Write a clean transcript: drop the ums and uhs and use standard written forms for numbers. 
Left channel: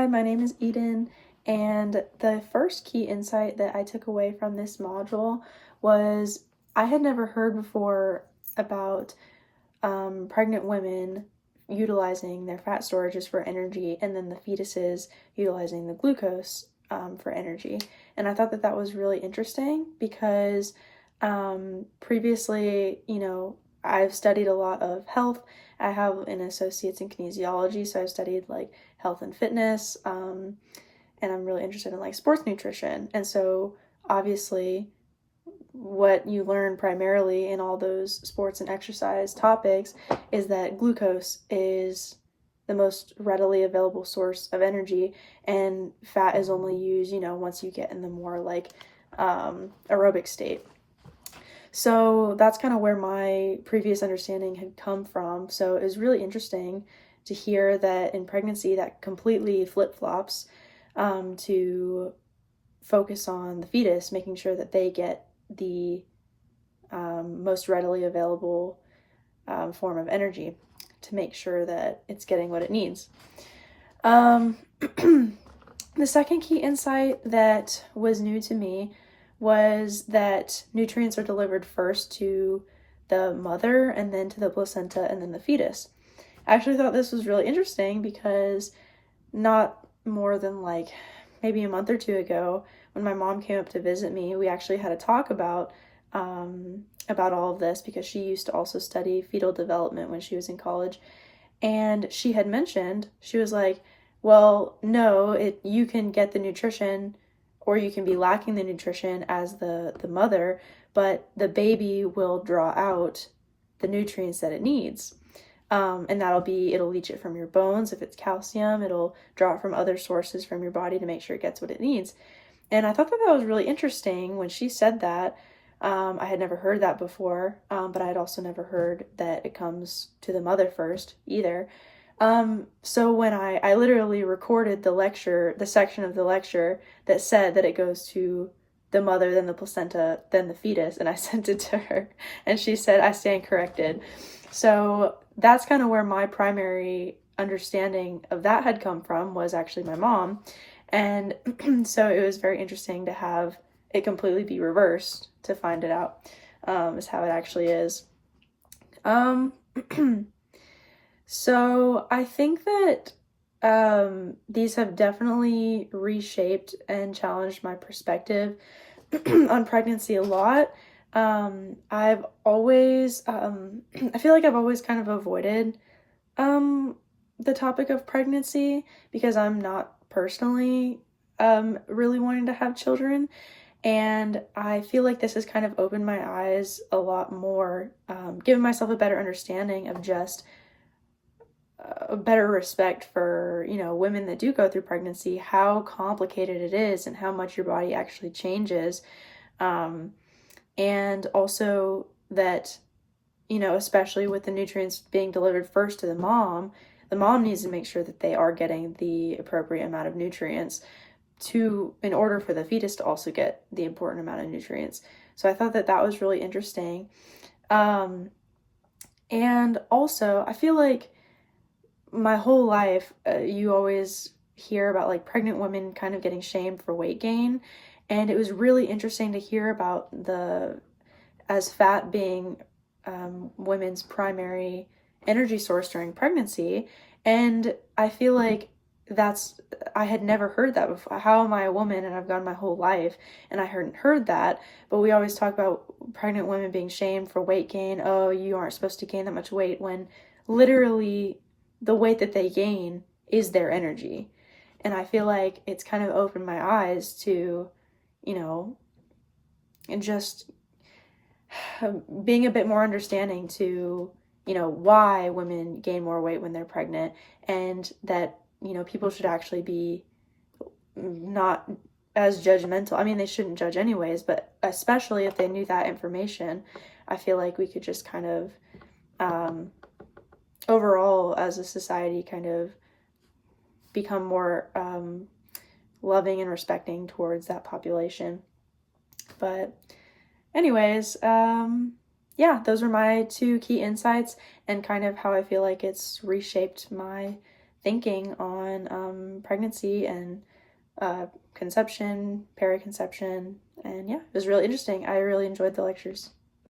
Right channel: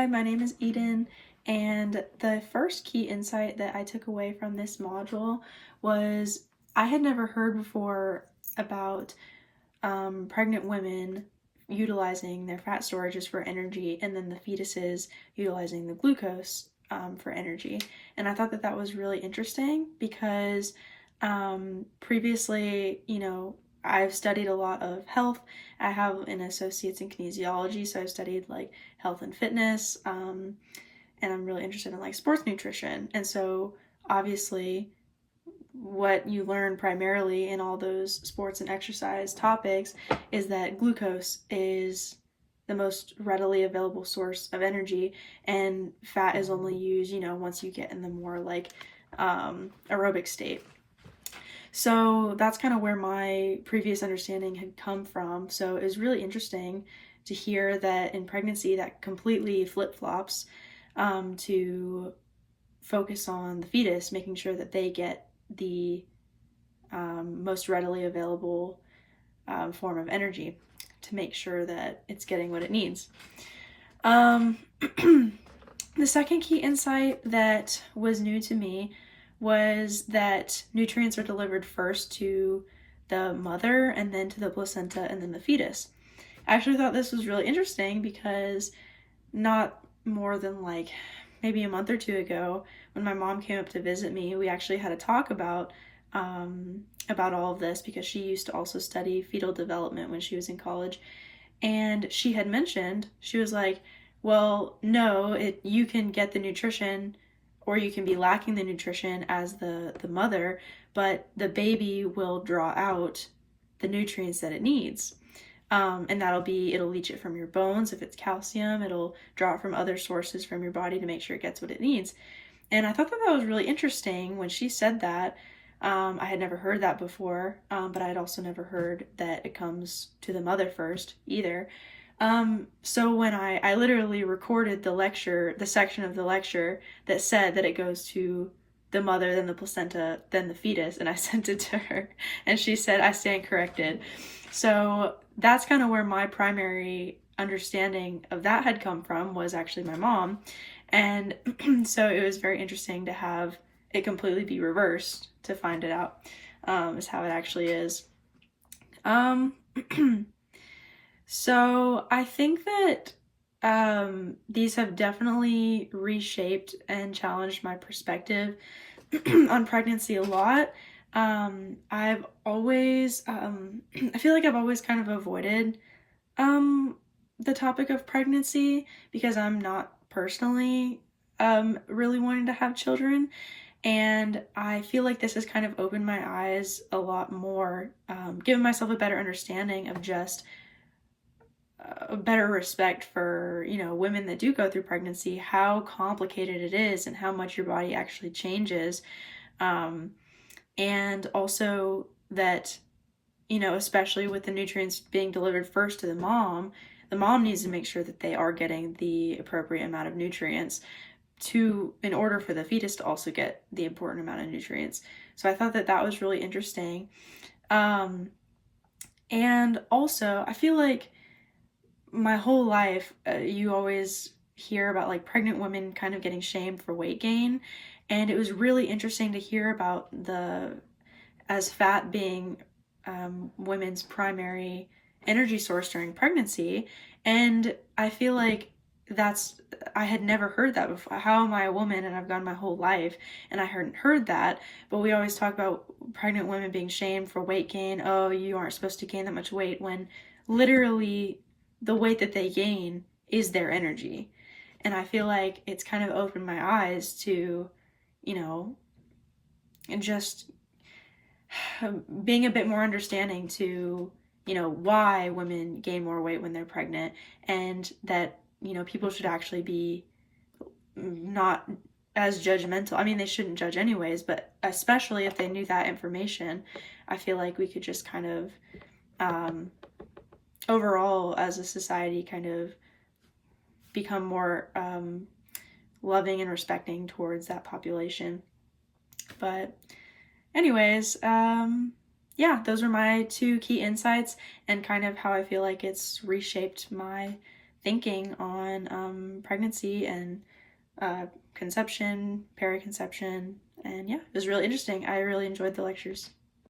Hi, my name is Eden, and the first key insight that I took away from this module was I had never heard before about pregnant women utilizing their fat storages for energy and then the fetuses utilizing the glucose for energy. And I thought that that was really interesting because previously, I've studied a lot of health. I have an associate's in kinesiology, so I've studied like health and fitness, and I'm really interested in like sports nutrition. And so obviously, what you learn primarily in all those sports and exercise topics is that glucose is the most readily available source of energy, and fat is only used, once you get in the more like aerobic state. So that's kind of where my previous understanding had come from. So it was really interesting to hear that in pregnancy that completely flip-flops, to focus on the fetus, making sure that they get the most readily available form of energy to make sure that it's getting what it needs. The second key insight that was new to me was that nutrients are delivered first to the mother and then to the placenta and then the fetus. I actually thought this was really interesting because not more than like maybe a month or two ago, when my mom came up to visit me, we actually had a talk about all of this because she used to also study fetal development when she was in college. And she had mentioned, she was like, well, no, you can get the nutrition or you can be lacking the nutrition as the mother, but the baby will draw out the nutrients that it needs. And it'll leach it from your bones. If it's calcium, it'll draw it from other sources from your body to make sure it gets what it needs. And I thought that that was really interesting when she said that. I had never heard that before, but I had also never heard that it comes to the mother first either. So when I literally recorded the section of the lecture that said that it goes to the mother, then the placenta, then the fetus, and I sent it to her, and she said, I stand corrected. So that's kind of where my primary understanding of that had come from, was actually my mom. And so it was very interesting to have it completely be reversed to find it out, is how it actually is. So I think that these have definitely reshaped and challenged my perspective on pregnancy a lot. I've always, I feel like I've always kind of avoided the topic of pregnancy because I'm not personally really wanting to have children. And I feel like this has kind of opened my eyes a lot more, given myself a better understanding of just a better respect for, women that do go through pregnancy, how complicated it is and how much your body actually changes. And also that, especially with the nutrients being delivered first to the mom needs to make sure that they are getting the appropriate amount of nutrients in order for the fetus to also get the important amount of nutrients. So I thought that that was really interesting. And also I feel like my whole life, you always hear about like pregnant women kind of getting shamed for weight gain. And it was really interesting to hear about as fat being women's primary energy source during pregnancy. And I feel like I had never heard that before. How am I a woman and I've gone my whole life and I hadn't heard that? But we always talk about pregnant women being shamed for weight gain. Oh, you aren't supposed to gain that much weight, when literally the weight that they gain is their energy. And I feel like it's kind of opened my eyes to, and just being a bit more understanding to, why women gain more weight when they're pregnant, and that, people should actually be not as judgmental. I mean, they shouldn't judge anyways, but especially if they knew that information, I feel like we could just kind of, overall as a society, kind of become more loving and respecting towards that population. But anyways, yeah, those are my two key insights and kind of how I feel like it's reshaped my thinking on pregnancy and conception, periconception, and yeah, it was really interesting. I really enjoyed the lectures.